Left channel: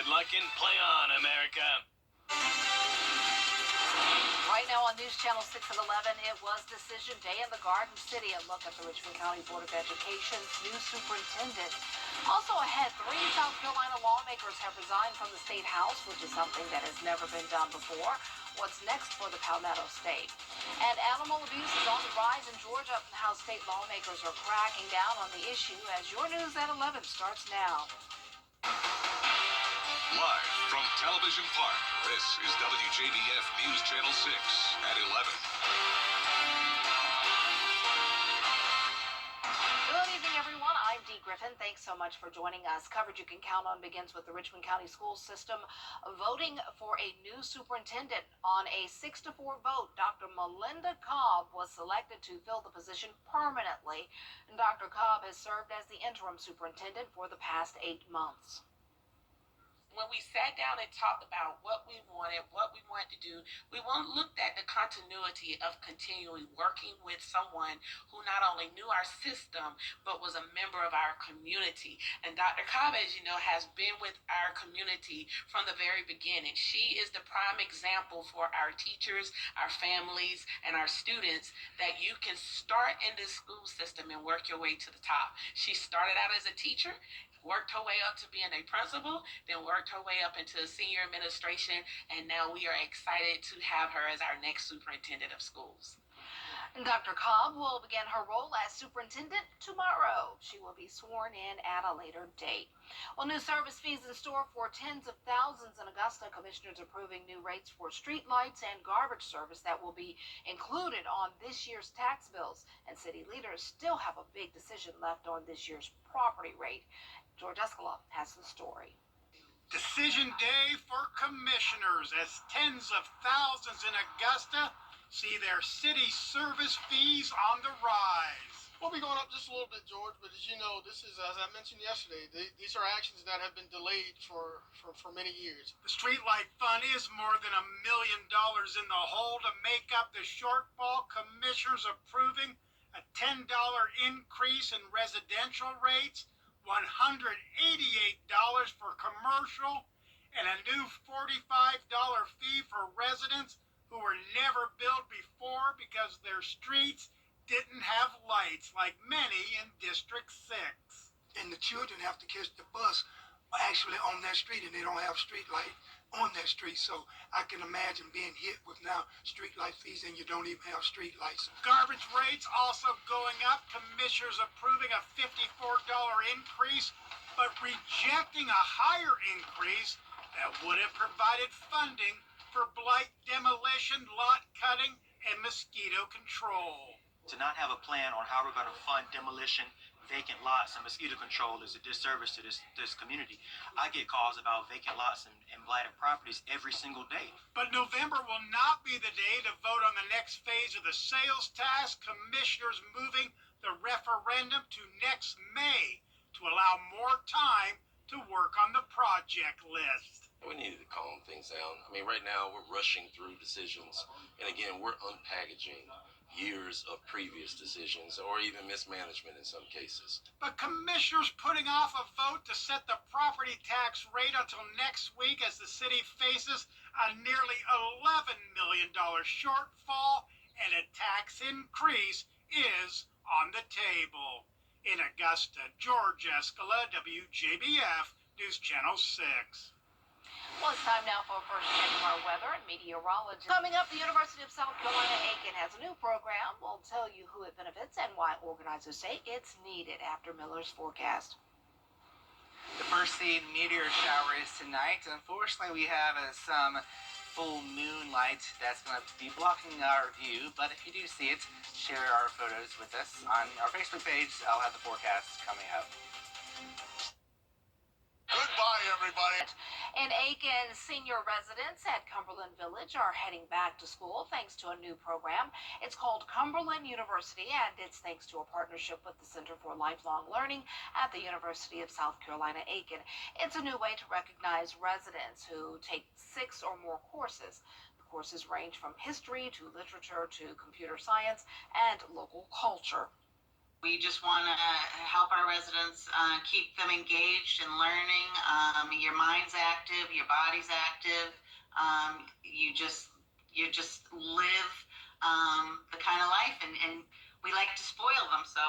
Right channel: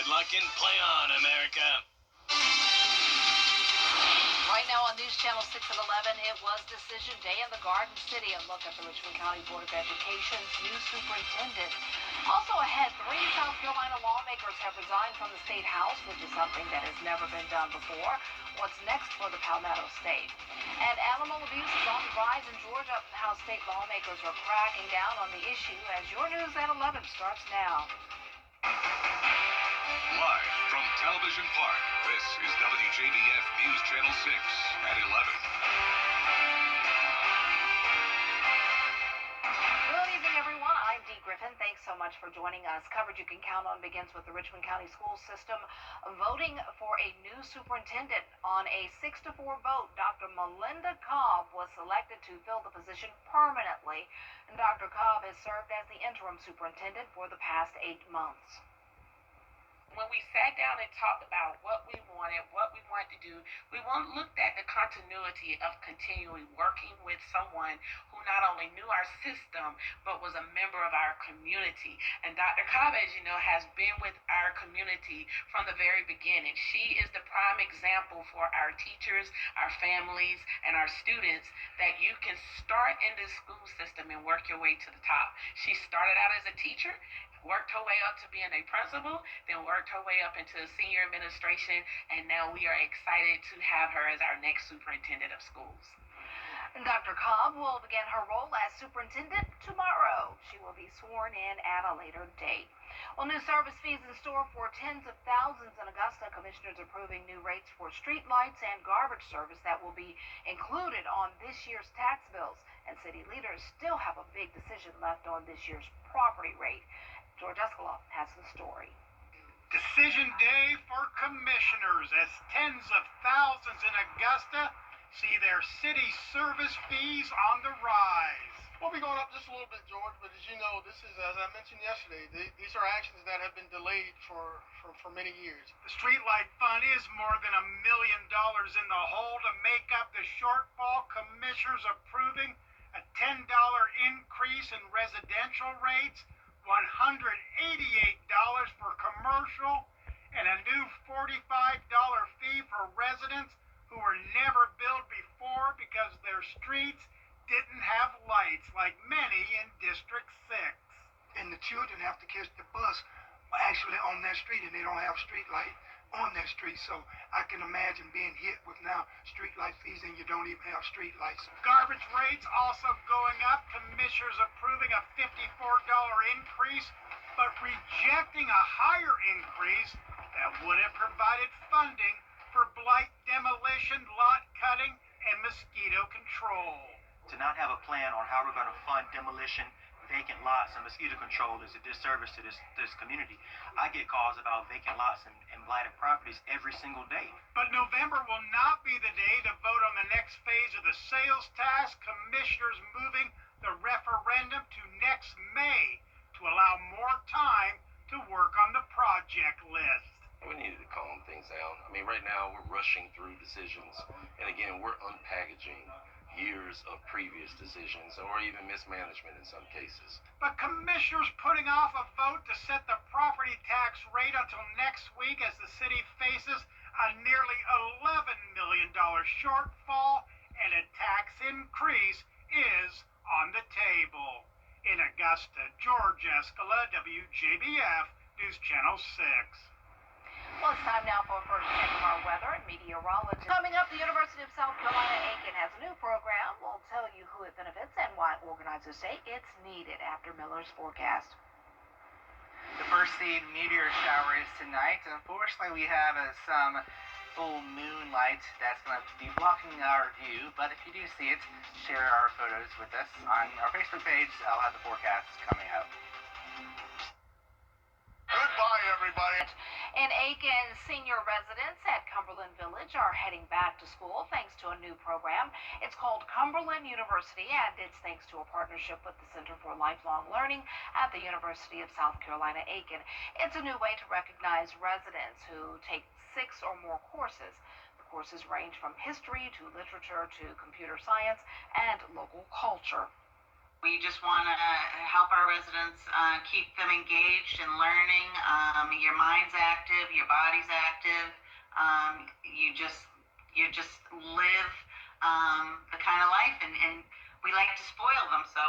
Good luck and play on, America. Right now on News Channel 6 at 11, it was decision day in the Garden City. A look at the Richmond County Board of Education's new superintendent. Also ahead, 3 South Carolina lawmakers have resigned from the state house, which is something that has never been done before. What's next for the Palmetto State? And animal abuse is on the rise in Georgia. How state lawmakers are cracking down on the issue as your News at 11 starts now. Live from Television Park, this is WJBF News Channel 6 at 11. Good evening, everyone. I'm Dee Griffin. Thanks so much for joining us. Coverage you can count on begins with the Richmond County School System voting for a new superintendent. On a 6-4 vote, Dr. Melinda Cobb was selected to fill the position permanently. And Dr. Cobb has served as the interim superintendent for the past 8 months. When we sat down and talked about what we wanted to do, we looked at the continuity of continually working with someone who not only knew our system, but was a member of our community. And Dr. Cobb, as you know, has been with our community from the very beginning. She is the prime example for our teachers, our families, and our students that you can start in this school system and work your way to the top. She started out as a teacher, worked her way up to being a principal, then worked her way up into senior administration, and now we are excited to have her as our next superintendent of schools. And Dr. Cobb will begin her role as superintendent tomorrow. She will be sworn in at a later date. Well, new service fees in store for tens of thousands in Augusta. Commissioners approving new rates for street lights and garbage service that will be included on this year's tax bills. And city leaders still have a big decision left on this year's property rate. George Escalon has the story. Decision day for commissioners as tens of thousands in Augusta see their city service fees on the rise. We'll be going up just a little bit, George, but as you know, this is, as I mentioned yesterday, these are actions that have been delayed for many years. The streetlight fund is more than $1 million in the hole to make up the shortfall. Commissioners approving a $10 increase in residential rates, $188 for commercial, and a new $45 fee for residents who were never billed before because their streets didn't have lights like many in District 6. And the children have to catch the bus actually on that street, and they don't have street light on that street. So I can imagine being hit with now street light fees and you don't even have street lights. Garbage rates also going up. Commissioners approving a $54 increase, but rejecting a higher increase that would have provided funding for blight demolition, lot cutting, and mosquito control. To not have a plan on how we're going to fund demolition, vacant lots, and mosquito control is a disservice to this community. I get calls about vacant lots and blighted properties every single day. But November will not be the day to vote on the next phase of the sales tax. Commissioners moving the referendum to next May to allow more time to work on the project list. We needed to calm things down. I mean, right now we're rushing through decisions, and again, we're unpackaging years of previous decisions or even mismanagement in some cases. But commissioners putting off a vote to set the property tax rate until next week as the city faces a nearly $11 million shortfall, and a tax increase is on the table. In Augusta, George Escala, WJBF News Channel 6. Well, it's time now for a first check of our weather and meteorology. Coming up, the University of South Carolina Aiken has a new program. We'll tell you who it benefits and why organizers say it's needed after Miller's forecast. The first seen meteor shower is tonight. Unfortunately, we have some full moonlight that's going to be blocking our view. But if you do see it, share our photos with us on our Facebook page. I'll have the forecast coming up. Goodbye, everybody. And Aiken senior residents at Cumberland Village are heading back to school thanks to a new program. It's called Cumberland University, and it's thanks to a partnership with the Center for Lifelong Learning at the University of South Carolina Aiken. It's a new way to recognize residents who take 6 or more courses. The courses range from history to literature to computer science and local culture. We just want to help our residents keep them engaged and learning. Your mind's active, your body's active. You just live the kind of life, and we like to spoil them. So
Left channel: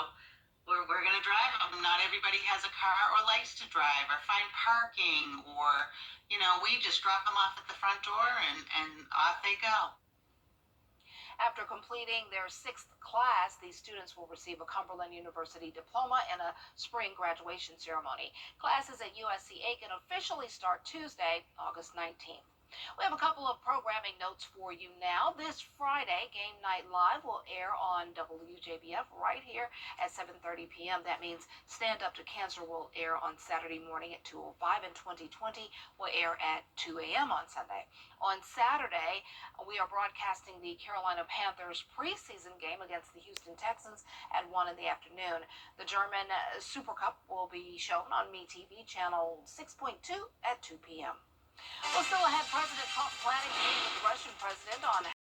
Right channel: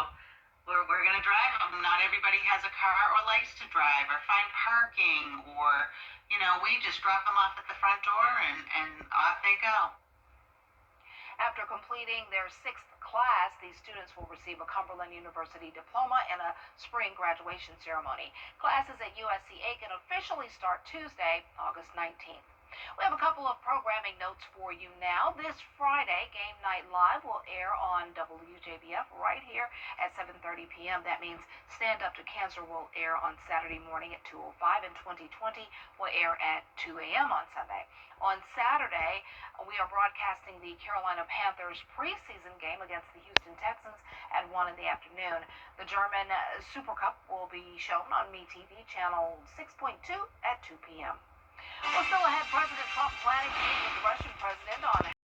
we're going to drive them. Not everybody has a car or likes to drive or find parking, or we just drop them off at the front door and off they go. After completing their 6th class, these students will receive a Cumberland University diploma and a spring graduation ceremony. Classes at USC-Aiken officially start Tuesday, August 19th. We have a couple of programming notes for you now. This Friday, Game Night Live will air on WJBF right here at 7:30 p.m. That means Stand Up to Cancer will air on Saturday morning at 2:05, and 2020 will air at 2 a.m. on Sunday. On Saturday, we are broadcasting the Carolina Panthers preseason game against the Houston Texans at 1 in the afternoon. The German Super Cup will be shown on MeTV channel 6.2 at 2 p.m. Well, still ahead, President